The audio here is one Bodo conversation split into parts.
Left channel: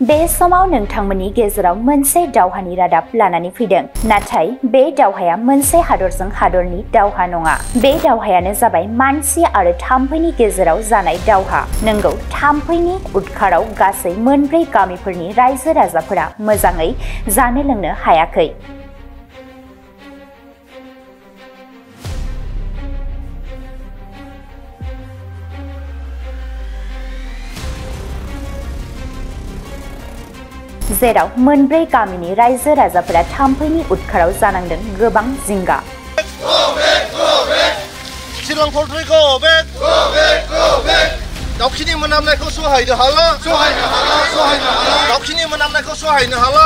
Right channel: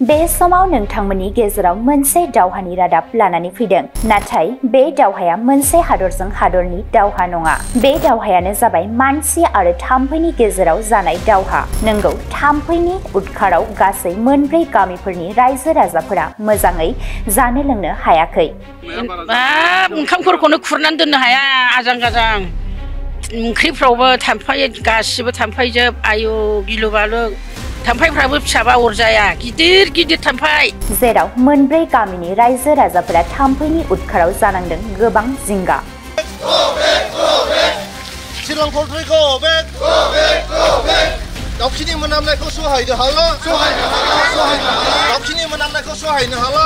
बे समाव नोंथांमोननि गेजेराव मोनसे दावहानि रादाब लानानै फैदों नाथाय बे दावहाया मोनसे हादरजों हादरनि दावहा नङा बे दावहायानो जाबाय मानसि आरो थाम्फैनि गेजेराव जानाय दावहा नंगौ थाम्फैनि उदखाराव गासै मोनब्रै गामिफोरनि रायजो राजाफोरा मोजाङै जानो लोंनो हायाखै ओंखामफोरखौनो खुरनानै दोननो हाया आजां गाजां ओंख्रिफ्रावबो थाम्फै गासिबो थाम्फैजोब आयु गिलु बालु थाम्फैफ्राबो फिसाबा अरजाया गिदिर गिदिर थाम्फै जेराव मोनब्रै गामिनि रायजो राजाफोरा थाम्फैनि उदखाराव जानांदों गोबां जिंगा दाउखिनि मोनामनायखौ सहायनो हाला दाउखिनि मोनामनायखौ सहायनो हाला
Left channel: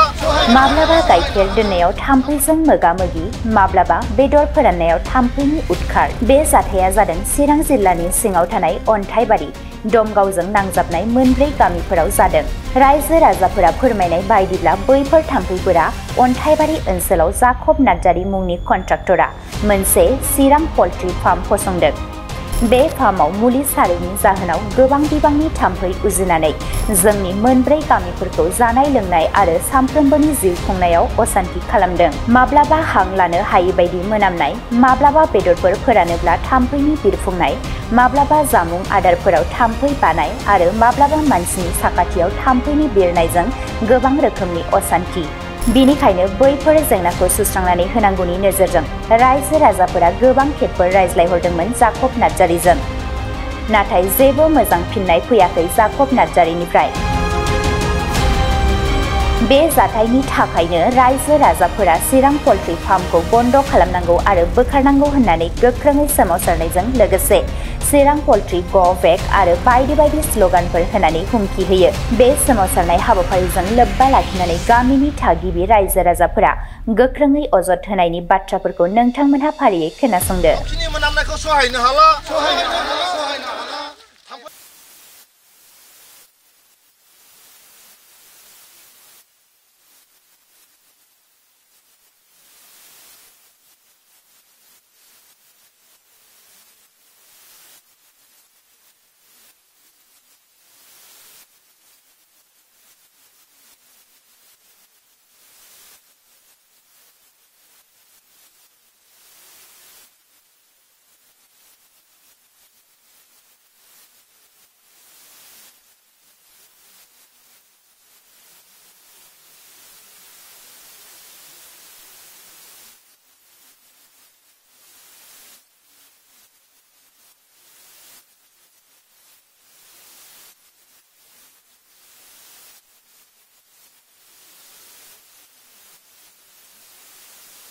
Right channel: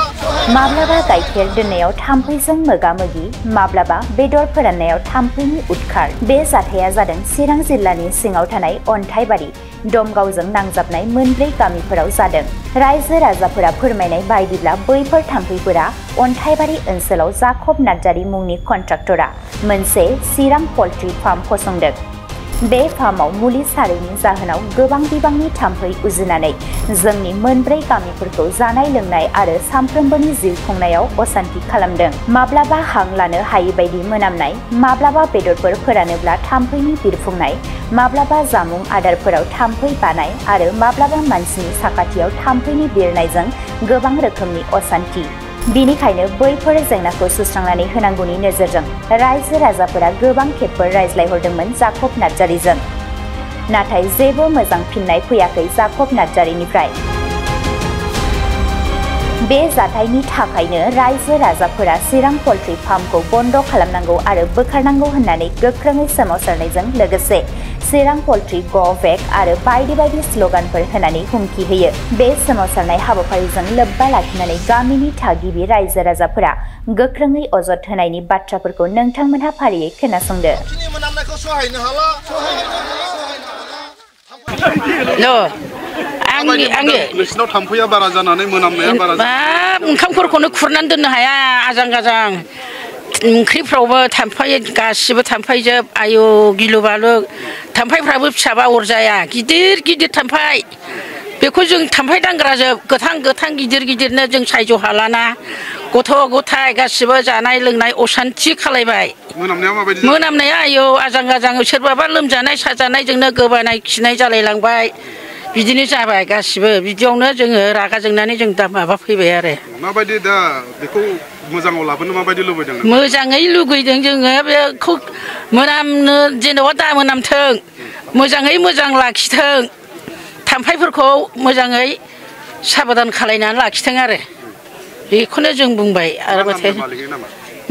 माब्लाबा गाइखेर दोननायाव थाम्फैजों मोगा-मोगि माब्लाबा बेदर फोराननायाव थाम्फैनि उदखार बे जाथाया जादों चिरां जिल्लानि सिङाव थानाय अन्थाइबारि दमगावजों नांजाबनाय मोनब्रै गामिफोराव जादों रायजो राजाफोरा फोरमायनाय बायदिब्ला बैफोर थाम्फैफोरा अन्थाइबारि ओनसोलाव जाकब नार्जारी मुंनि कन्ट्राक्टरा मोनसे चिरां पल्ट्री फार्म फसंदों बे फार्माव मुलि सारैनि जाहोनाव गोबां बिबांनि थाम्फै उजिनानै जोंनि मोनब्रै गामिफोरखौ जानाय लोंनाय आरो सानफ्रोमबोनि जिउ खुंनायाव असान्ति खालामदों माब्लाबा हां लानो हायै बायदि मोनामनाय माब्लाबा बेदरफोर फोरानोब्ला थाम्फैनि बिरफुंनाय माब्लाबा जामुं आदारफोराव थाम्फै बानाय आरो माब्लाबा मानसिनि साखाथियाव थाम्फैनि बिरनायजों गोबां रोखोमनि असान्ति बिनिखायनो बैफोर जेंनाखौ सुस्रांनानै होनांगौनि नोजोरजों रायजो राजाफोरा गोबां खेबफोर रायज्लायहरदोंमोन जाकब नार्जारीजों नाथाय जेबो मोजां फिननाय फैयाखै जाकब नार्जारीनिफ्राय बे जाथायनि थाखायनो रायजो राजाफोरा चिरां पल्ट्री फार्मखौ बन्द खालामनांगौ आरो बोखारनांगौ होननानै गोख्रोङै सोमावसारनायजों लोगोसे चिरां पल्ट्री गो बेक आरो बायदि बायदि स्लोगानफोर होनानै हुमखि होयो बे सोमावसारनाय हाबाफारिजों लोब्बा लाखिनानै गामिनि थागिबि रायजो राजाफोरा गोख्रोङै अजद होनायनि बाथ्राफोरखौ नोंथांमोनहा फारियै खोनासंदो नोंसिनाव थाम्फैया बारा जानानै मोनामनाया बारा ओंखामफोरखौनो खुरनानै दोननो हाया आजां गाजां ओंख्रिफ्रावबो थाम्फै गासिबो थाम्फैजोब आयु गिलु बालु थाम्फैफ्राबो फिसाबा अरजाया गिदिर गिदिर थाम्फै बेखौ जों थाम्फै दांग्राजोब गोथां गिदिर गिदिरनो जों सायज' हालाना गथ' गथाय गासिबो जानाय लोंनाय असान्ति खालायबाय मोनामनाया आयौ आजां गाजां सोरबाबा लोमजानाय साजानायजोंनो गोबानाय खिनाय जालायलांबाय बिदिनो जाबाय गासिबो बिदियावनो जोङो रागा जोंनानै जों दा माबा फैबाय आरो माबायदि दा बेखौ मोजाङाव लाबोनो माबायदि लुबैदों मोजाङै लुगैदों जोङो बेखौ मोनामनो जेनेबा दा मोनामथों मोजाङै मोजां लाखिथों थाम्फैफोरखौ मोजाङै साबधान खालायनानै लाखिथों आरो बेखौनो जों बुंबाय आरो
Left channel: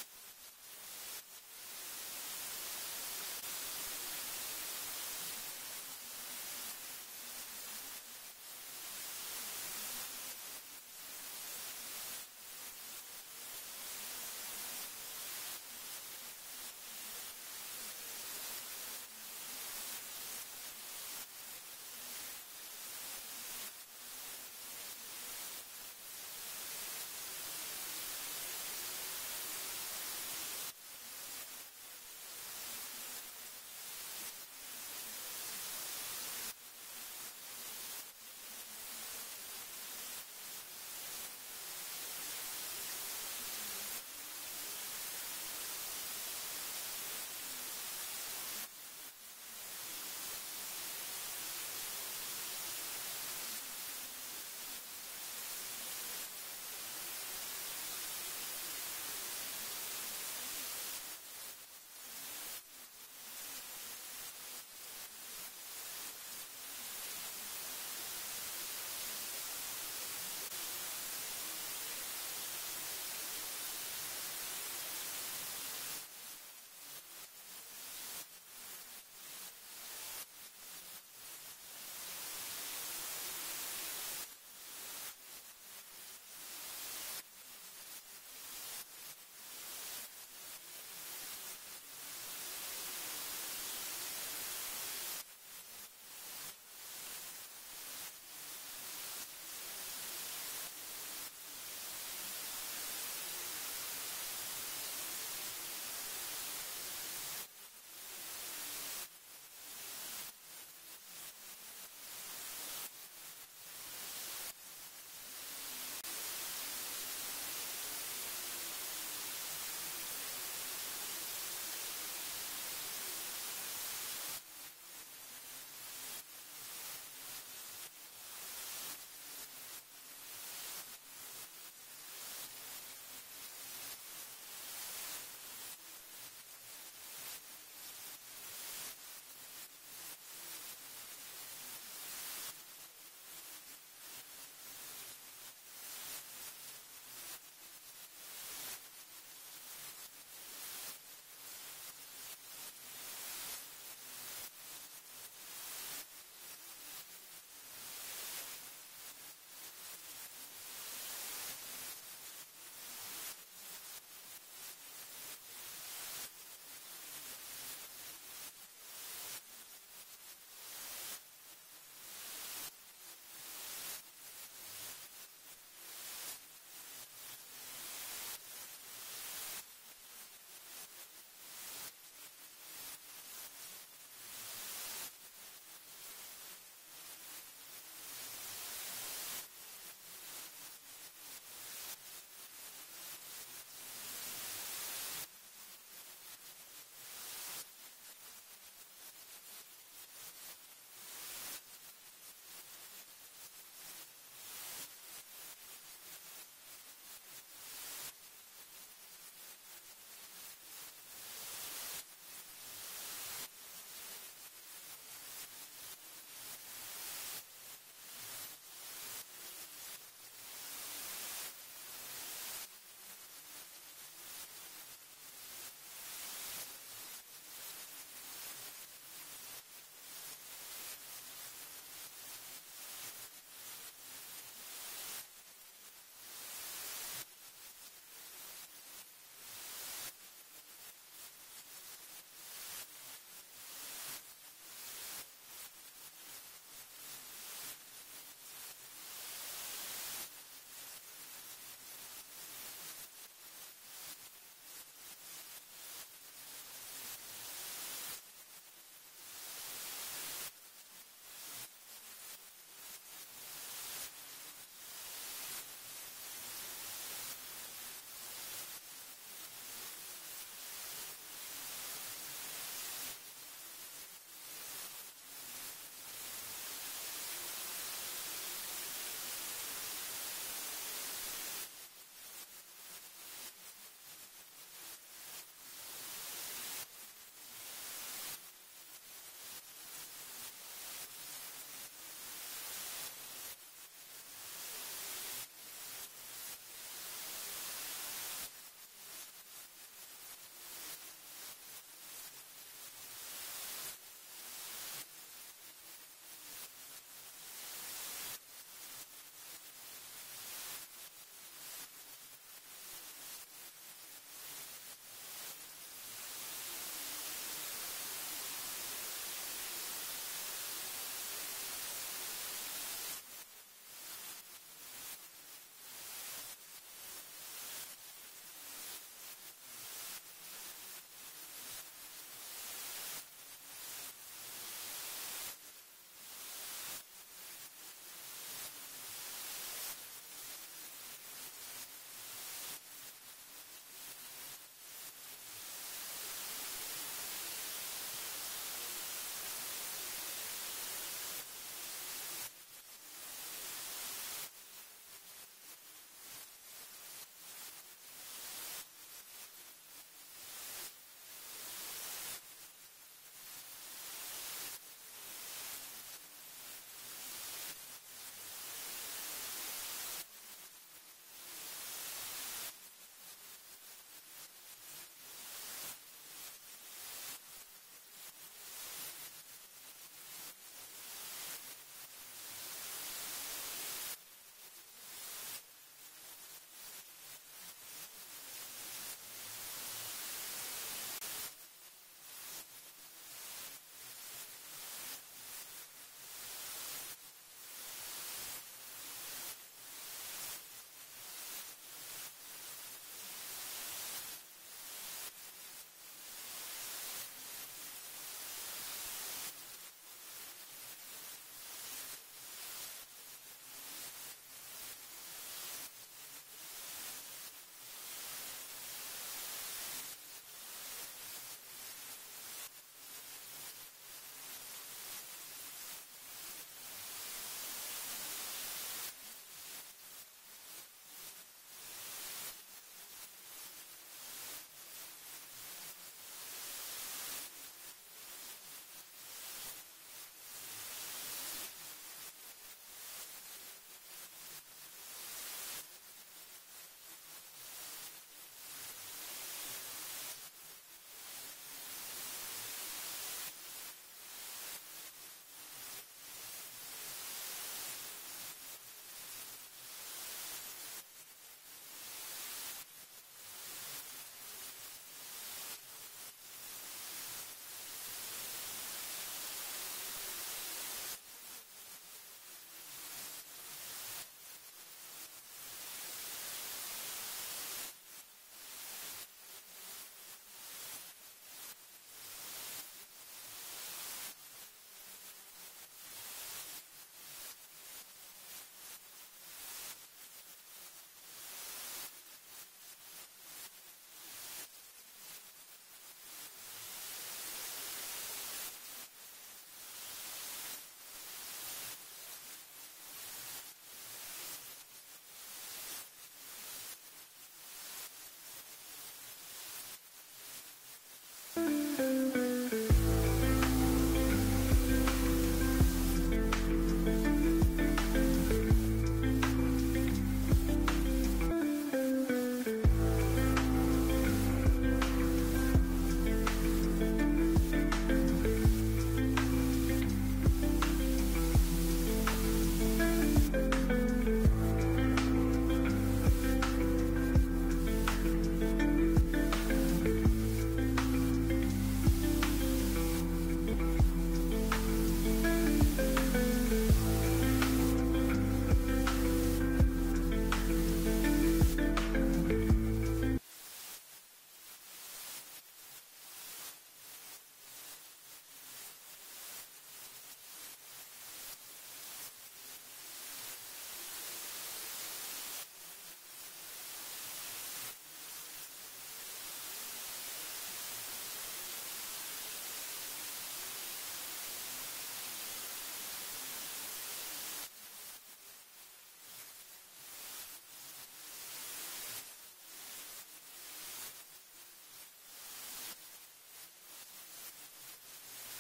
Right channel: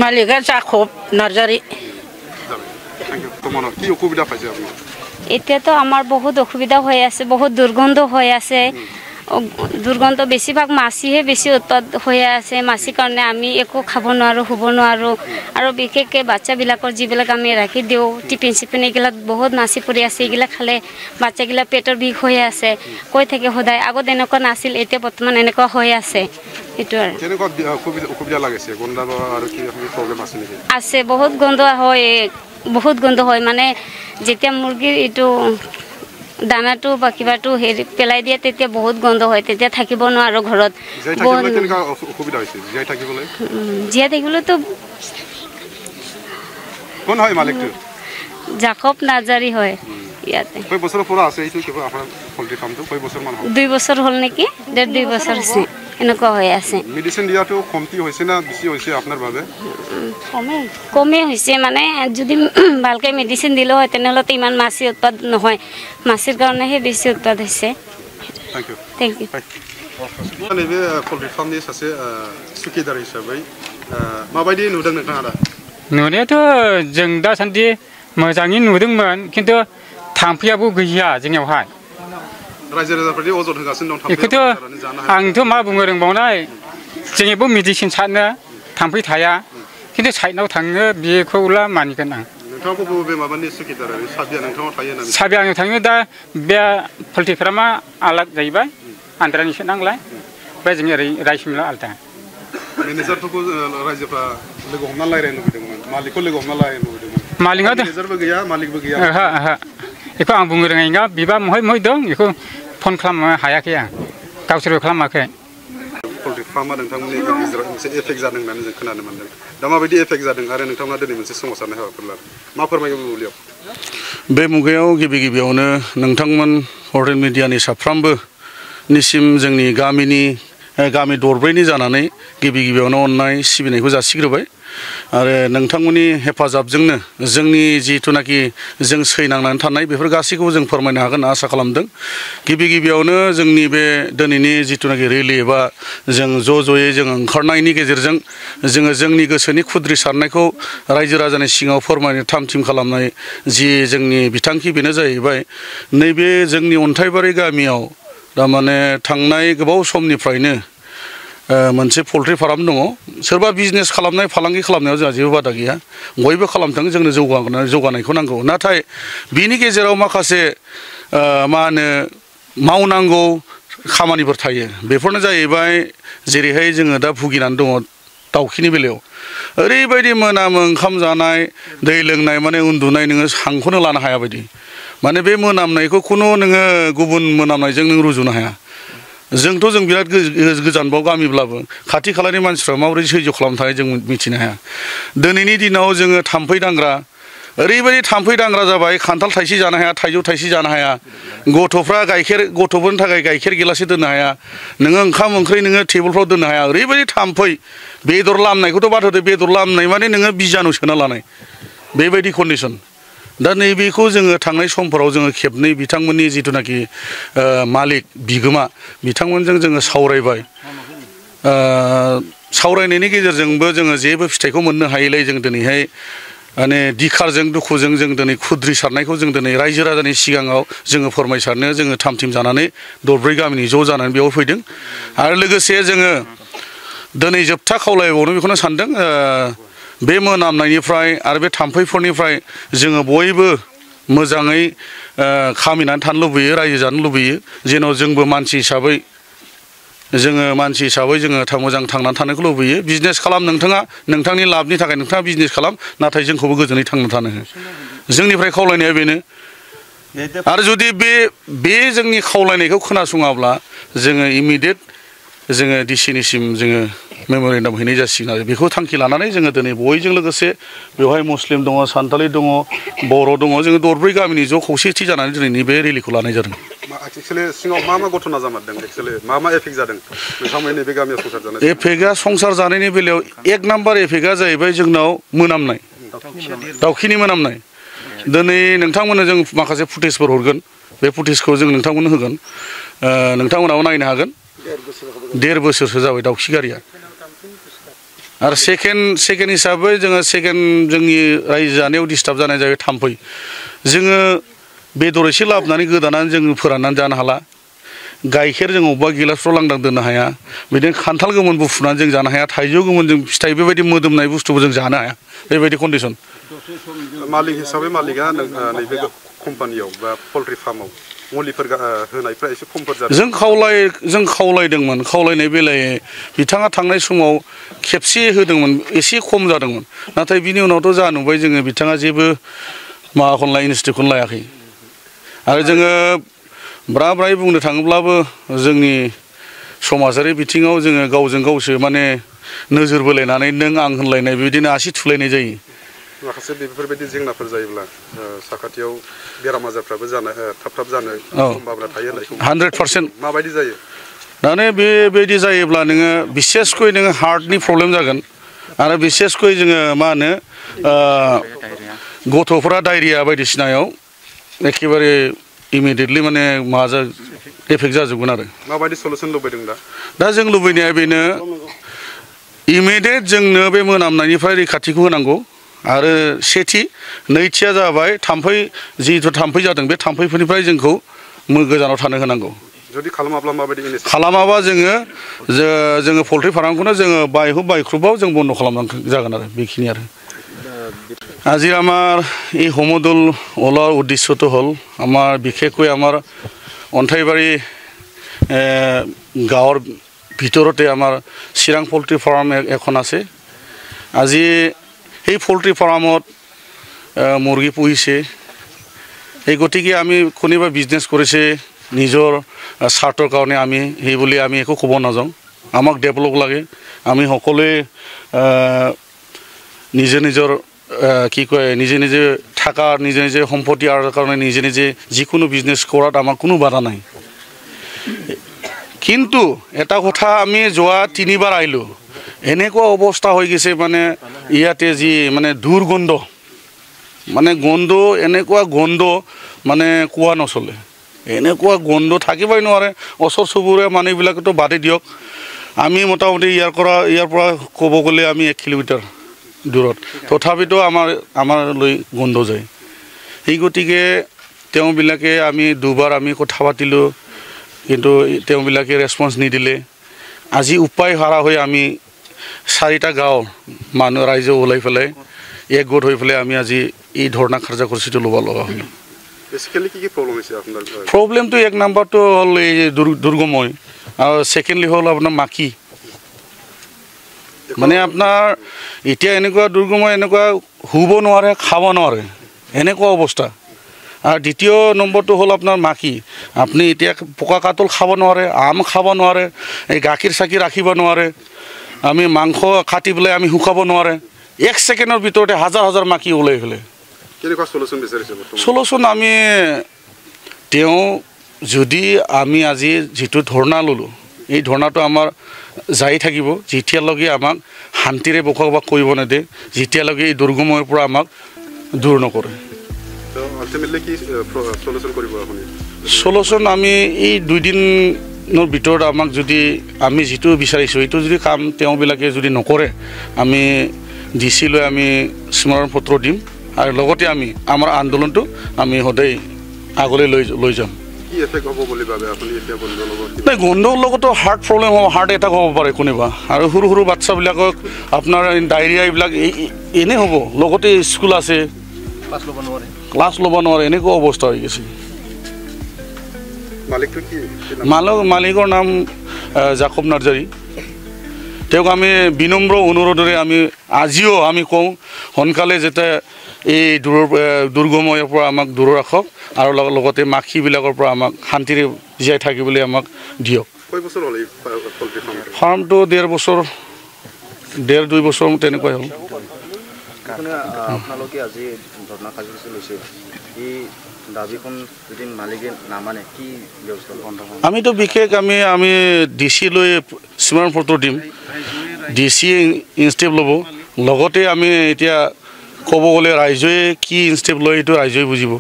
मालिका जाकब नार्जारी এতিয়াতো আমাৰ বহুত অসুবিধা হৈ আছে বহুত দুৰ্গন্ধ হৈ আছে দুৰ্গন্ধ বেছিভাগ মাছিহে বেছি উৎপাদ হৈ আছে মাছিৰ কাৰণে আমি একো খাব নোৱাৰোঁ শুব নোৱাৰোঁ আৰু বিশেষকৈ বাচ্চাবিলাকৰ যিবিলাক আমি ৰাখি দিওঁ টিফিন চিফিন এইগিলাক বহুত মাছি পৰি আছে এইগিলাক খালে বাচ্চাগিলা পেটৰ বিষ হৈ আছে কৈ থাকে সদায় আগত এনেকুৱা নাছিল এতিয়া বৰ্তমান এনেকুৱা হৈ আছে এইটো আৰু আছে বহুত গন্ধ হয় মানে যেতিয়া মুৰ্গীৰ এইটো দানাটো বা কিবাটো হেৰি পেলাই দিয়ে তেতিয়া বহুত গন্ধ হয় তেতিয়া থাকিব নোৱাৰো ঘৰত জীয়াই থাকিবলৈতো কোন হয় মালিকটো জাকব নাৰ্জাৰী হয় ইয়াতে কয় বছৰৰ পৰা আছে এইটো কিবা আপোনাৰ পল্ট্ৰি ফাৰ্মটো কয় বছৰ মান হ'ল 2 বছৰ হ'ল নেকি 1.5 বছৰ হৈছে এনেকুৱা হৈ আছে মেডিসিন দিয়াটো কমতি হৈছে না বেছি হৈছে আপোনাৰ বাবে কমে হৈছে মানে যদি ভালকৈ মেডিসিন দিলে হয় তেনেহ'লে ইমান মাছি উৎপাদ নহয় মাছিৰ কাৰণেহে বেছি উৎপাদ হৈছে থ্যাংক ইউ नैबे पल्ट्रि फार्मनि सासे सुखिदार हिसाबै माबायदि नुदों नोंथाङा दा नुनायाथ' जों दासान्दि मोजाङै नुदोंमोन खिन्थु थाम्फैयाबो गैया जोंनियावहाय रायजो राजाफोरनि अजद होगासिनो दं बेखौथ' आंथ' मा बुंनो रोंबावनाय जोंनियावबो मेडिसिन सारनो थाम्फै थाया खिन्थु साइडआव थाङो बेखौला मानिगोन आं नोंथाङा बबे माबानि सुखिदार साबिया नोंथाङा थायो ना साबिया आङो थाङो दा बे पल्ट्रि फार्मा आलाग जाहैबाय आन्ध्रानिसो नांलाय ओमफ्राय जोंनि ओरै रायसिमला आलदा मेनेजारफोरखौ रायजोफ्रा लोगो हमना रायज्लायनो लुबैदोंमोन मालिकखौ लोगो हमना रायज्लायनो लुबैदोंमोन मालिकआ मेनेजारबो गैया मालिकबो गैया बेखौ आं बुंनो रोङै नङा बिबा महाय दं बेखौ फन खालामनो हायाखै आं गावसोरबो खालामाखै poultry farma नोंथांमोननि गेजेराव मोनसे एफेक्ट जादों होननानै जों खोनानो मोनदों दा माबायदि एफेक्ट जादों आरो नोंथांमोना दिनै मोनसे सोमावसारनाय हाबाफारि लादों मा फोरमायगोन बुब्लियाव बे मुगायाव गिबियावनो नोंथांमोन हटेल मिडियानि साफ्रोमबो निसिम जोंनि गामि दरब्रैनि जानानै गिबियावनो अननाय सिबिनायखौ जासिग्रोबाय आरो नोंथांमोननि हेफाजाबजोंनो जोंनि जिथुनाखि जों सैनांनानै थानाय बेफोर गासैखौबो जों फोरमायनो हागोन आसा खालामदों गिबियावनो जोंनि बे दिनैनि जिथुनाखि रेलि एबा जों ज'यै जों ओंखारनायनि गेजेरजों जोङो जोंनि गोसोनि खुद्रि सारनायखौ रायजो राजानि सिगाङाव फोरमायनो थाम-थिम खालामनाय जि जोंनि बिथांखि बेनो जाहैबाय नैबे जोंनि अन्थाइबारि गामियाव थारमाने थांनाय गोबाव समनिफ्रायनो मोनसे पोल्ट्रि फार्म दङ सोरबा बिजनेस खालामनाय फालांगि खालामनायाव जोंहा जेबो बादा गैया बयबो खालामथों जोंनो जौगानायखौ नांगौ नाथाय बिनि गेजेराव माखासे मा होनो मावनांगौ खामानिफोर थायो बेफोरनो जाहैबाय जेरैहाय जोङो दा भुगिनानै दङ दाउखिनि बेलायाव ओरैबायदि मोनामो ओंखाम जानाय दै लोंनाय माने उन्दुनाय नोङो हांखौनो लानो हाया बायदि माने बे मोनामनायखौ खुनु नोङो गुबुन मोनामनायजों नों रुजुनो हाया जोंथ' जों बिराद गोजानबाव गामिब्लाबो खाथि खालानि मानसिफ्रा माबोरै सैज्य खालामनो थाखाय जों मिथिनो हाया दिनैनि दिनाव जोङो थाम्फै दांग्रा ओरैबायदि थाम्फै दांग्रा जाबाय खान्थाल थाइसे जानो हाया थाइजौ थाइसे जानो हाया गथ'फोरनि थाखाय गाइखेर गिलाससे दोननो हाया नोङो ओंखाम ओंख्रि नोङो टेबोलफ्राव दोननो हाया ओरैबायदि थाम्फै बेदर लामनायखौथ' बाद होदो बेदर लामनाय माने नोङो बिजानु सोना लानाय बेबायदि कन्डिसन दा नैबेखौ जोङो थांनाय समफोराव जोङो खेबनै बिथांमोननि जिथुनाखि मालिक बिगोमा बिथांमोनजों जोङो सावरायबाय सावरायनायनि गेजेरजोंबो जोङो जेबो फिथाइखौ मोननो हायैलाय जों दिनैहाय माने दिखारजों दुखुजों जों दिनै खुद्रि सारनायखौ जों दिनै रायजो राजानि सिगाङाव जोङो फोरमायसारनो जोङो थाम-थिम जानानै दरब्रै गामिनि ज' जानानै बेयाव फैदों आरो लोगोसे जोङो दिनै जोबथा खावलायबावनो बेखौनो सानदों बे मोनामनायनिफ्राय आरो बे थाम्फैफोरनिफ्राय जोङो बयबो मोजाङै खामिनानै थानो लुबैयो रायजो जानो लुबैयो जेन' जोंबो मानसि हिसाबै जोङो मोजां थांनानै थानायखौ लुबैयो बिजनेस खालाम नोंथाङा नोंथांनि लाबनि थाखाय नोंथाङा बिजनेस खालाम नाथाय जोंखौबो गोजोनै थांनानै थानो हो जोंनिफ्राय खावलायनाया बेनो आरो जुदि बे जोंनि खावलायनायखौ खोनासङाब्ला जोङो इमिडियेट जोङो डिसिनिसिम जोङो मेम'रेन्डाम हैनाय जासिगोन आरो बेखौ थांखि लानानै जोङो दिनै बयजों लोगोसे बेवहाय मुस्लिम दङ सान्थालि दङ बर' दङ जोङो दरब्रै गामिनि ज' खौसेथि जानानै दिनैनि बे रेलिखौ लानाय जादों एक्चुअली सिङाव मा घटना जामारदों एक्चुअली मा एफेक्ट जादों नोंथांमोननि बे गामियाव संसार जानाय एफेक्टआ संसार जानायनि बेलायाव एक नाम्बार एफेक्टआ जाहैबाय जोंनाव मोनामनाय दाउखिनि मोनामनाय दिनै नोंथांमोननो जों माखासे फुटेजफोर हरगोन बे फुटेजखौ जों नोंथांमोननो होगोन नोंथांमोनाबो नायनो हागोन 1.5 बोसोरसो जाबाय दाउखि गारिया आरो सेकेन्ड हिसाबै जोङो जोंनि रायजो जानायाव डिस्टार्ब जानाय जाबाय थाम्फै जोङो बेदर एसे लाबोनानै गोदानानै जों फोराननानै जानो हाला गाइखेर जों अबेबा गिलासफ्राव लांदां दोननो हाया बिदिनो खान्थाल गोमोन बुफुनानै जों जानो हाया थाइजौ गोमोन जों फिथाइ बेबायदि मोदोमनाय बुस्थुबो जों जानो हाया बेबायदि कन्डिसन मालिक हिसाबै मालिकआ नैबे कम्पानियाव बा पल्ट्रि फार्माव मुलिफोर होनायफ्रा एसे खमफोर जादों जों खावलायदोंमोन खावलायनाय बेलायै बिथाङा थांनाय समाव खेबसे होदोंमोन एसे खम जादोंमोन नाथाय बिनि उनावथ' जा नुबाय जोङो बिथाङा जेबो माबाखौनो इनिसियेटिभखौनो लायाखै आरो जोङो ब्राय बुंनो थाङोब्लाबो जोंनि समाजारि बिथिङाव जोङो गावजों गावसो माने नोजोर बोलायनानै नों आं होनलायनाय बिदिनो आसि थुलायनाय जायो माखासे बेफोरबायदि जेंनाफोर जायोब्ला साखाथियाव बेराम आजारफ्राबो थाब जानो सम्भाबना थायो होननायखौ 100% माबायदि जायो दाने बेबायदि जायोब्ला नोङो बिसेसकय नोङो हार्टनि प्रब्लेम जागोन आरो बिसेसकय जोङो मा होनो गथ'फोरा डायरिया बायदिसिनायाव एखेबारे इमिडियेटलि माने एफेक्ट जाजोबगोन आरो माबायदि सलुसन लुबैदों दा जों लुबैनाया बेनो इमिडियेट जोंनो बे मोनामनायनिफ्राय रैखाथिखौ होनांगौ आरो सेथि नैथिया जाबाय जिहेथु थाम्फै जादों बे थाम्फैफोरनिफ्राय जोंखौ गोजानाव थानो होनांगौ जुदि खालामाब्ला माबायदि खालामाबा जोङो पल्ट्रि फार्मखौनो जोङो बायख्रुबाव जों बन्द' खालामनांगौ जागोन आरो बेखिनि आरो আজি আমার এই সমদল ওলার উদ্দেশ্যটো হ'ল আমার বিশেষকৈ আমার অন্থাইবাড়ি গাঁৱৰ ভিতৰতে আমাৰ চিৰাং পোল্ট্ৰি ফাৰ্ম এখন আছে আজি এই পোল্ট্ৰি ফাৰ্মত মুৰ্গী পুহিছে এই গতিকে আমি কোনোবা বিজনেছ কৰিছে নিজৰ স্বাৰ্থৰ কাৰণে আমি সেই বুলি আমি একো ক'ব নাযাওঁ আমাক ডেভেলপ লাগে আমি সকলোৱে নিজে নিজৰ কি কয় নিজে নিজে থাকা নিজে নিজে সম্পত্তি আৰু কাৰণে নিজে নিজে যিকোনো বিজনেছ কৰাত আমাৰ কোনো বাধা নাই কিন্তু এটা কথা আমি যোৱা 3 বাৰ আহিলোঁ এনেকুৱা অৱস্থা হৈ গৈছে মানে ইয়াতে যি মানে দুৰ্গন্ধ মানে গন্ধ এনেকুৱা গন্ধ মানে কোৱা নচলে এনেকুৱা গন্ধ থাকিবই নোৱাৰে ওচৰ চুবুৰীয়া মানুহবিলাকতো বাদে দিয়ক আমি মোটামুটি ইয়াৰ পৰা ক'ব গ'লে আমি 1 কিলোমিটাৰ দূৰত তথাপিতো আমাৰ লৈ গন্ধ যায় এই গতিকে তেওঁবিলাকে আমি দুবাৰ আমি কথা পাতিলোঁ কিন্তু তেওঁবিলাকে ৰেছপন্স নিদিলে আজি উপায় হাৰা হৈ আমি 4টা গাঁও মানুহ ৰাইজ ওলাই পেলাই একগোট হৈ পেলাই আমি আজি এই ধৰ্ণা কাৰ্যসূচীটো ল'ব লগা হ'ল বেসিক্যালি কি প্রবলেম আছে আপনার প্রবলেমটো এক নাম্বারটো হল এই দুর্গময় আর সেকেন্ডলি হল আপনার মাকি মানে আপনার এতিয়া এনেকুৱা দুর্গময় এনেকুৱা হুব নোৱাৰে খাব নোৱাৰে এনেকুৱা অৱস্থা আর দ্বিতীয় নম্বরটো হল আপনার মাকি আপনি এতিয়া পোকা কাতল খাব নোৱাৰে আম খাব নোৱাৰে এই গাখীৰ চাকি ৰাখিব নোৱাৰে আমি মাংস কাটি পেলাই আমি শুকাব নোৱাৰে 1 সেকেন্ডৰ ভিতৰতে হাজাৰ হাজাৰ মাকি ওলাই ফেলে কেনেকুৱা সলিউশন বিচাৰিছে সলিউশন আমি তেওঁ যদি আমি আজি যেটো ধৰ্ণা ললো এই ধৰ্ণাটো আমাৰ যাই থাকিব যেতিয়ালৈকে আমাক শান্তিৰে বসবাস কৰিব নেদে যেতিয়ালৈকে এই দুৰ্গময়ৰ পৰা আমাক দূৰ নকৰে আলটিমেটলি কি সলিউশন কৰিব আপুনি সলিউশন আমি এই 2 দিনৰ ভিতৰত আমাক যদি আমি যেটো বিচাৰিছো এইটো যদি কাম তেওঁবিলাকে যদি নকৰে আমি ডিসি লৈ আমি স্মৰণ পত্ৰ দিম আৰু লগতে আমি আমাৰ আন্দোলনটো আমি সদায় আগলৈ লৈ যাম কি এফেক্ট হ'ব বুলি ভাবে আপুনি এতিয়া বন্ধৰ লগত নাই গন্ধৰ লগতো হাৰ্ট প্ৰবলেম হ'ব হাৰ্ট এটাক হ'ব পাৰে কোনেবা আৰু সৰু সৰু বাচ্চাবিলাকক আপোনাৰ ডায়েৰিয়া এইবিলাক এনে হ'ব লগতে স্কুল আছে ক্লাছ ল'ব নোৱাৰে এনেকুৱা অৱস্থা হৈ গৈছে মালিকটো কি মালিকৰ নাম জাকব নাৰ্জাৰী তেওঁক আমি বিনম্ৰ অনুৰোধৰে আমি আজিও আমি কওঁ সোনকালে যেতে এই দুৰ্গময়ৰ পৰা আমাক দূৰ ৰাখক আৰু লগতে মাখিবিলাকৰ পৰা আমাক শান্তিৰে জীয়াই থাকিবলৈ আমাক দিয়ক কয় বছৰ হ'ল এই পোল্ট্ৰি ফাৰ্মটো 1.5 বছৰ 1.5-2 বছৰ তেনেকৈ হ'ল আপোনালোকে আজি ধৰ্ণা কাৰ্যসূচী লৈছে এই দাবীখন যদি মালিকে নামানে কি ব্যৱস্থা বন্ধ হ'ব আমিতো বিশেষ আমি ডিসি লৈ স্মৰণ পত্ৰ দিম ডিসি ইনষ্টেপ ল'ব লগতে আমি এতিয়া ক'ব গ'লে ৰাইজে কি ইনষ্টেপ লয় এইটো ৰাইজে বুজিব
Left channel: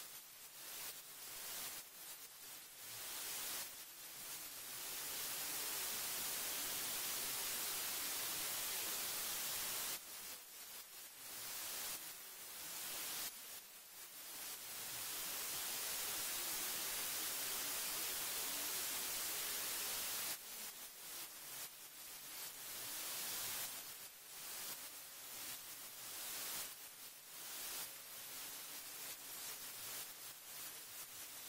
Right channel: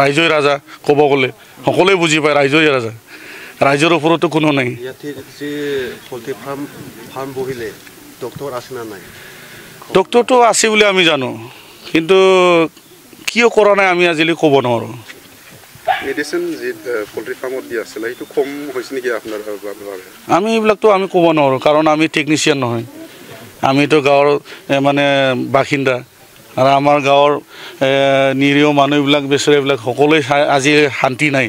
ৰাইজে ৰাজা ক'ব গ'লে সকলোৱে বুজি পায় ৰাইজে ৰাজা ৰাইজৰ ওপৰতো কোনো নাই ইয়াতে যে পোল্ট্ৰি ফাৰ্ম বহিলে ডক্টৰ আছে না নাই ডক্টৰটো আছে বুলি আমি জানো কিন্তু কিয় কৰা নাই আমি আজিলৈ ক'ব নোৱাৰোঁ মেডিচিন যে পোল্ট্ৰি ফাৰ্মত দিয়া আছিল এইটো কম হৈছে নেকি আপোনাৰ বাবে আমি এইবিলাকতো আমি ক'ব নোৱাৰোঁ কাৰণ আমি টেকনিচিয়ান নহয় আমিতো গাঁৱৰ মানে বাসিন্দা আৰু আমাৰ গাঁৱৰ নিৰীহ মানুহবিলাক বেচেৰাবিলাক সকলোৱে আজি শান্তি নাই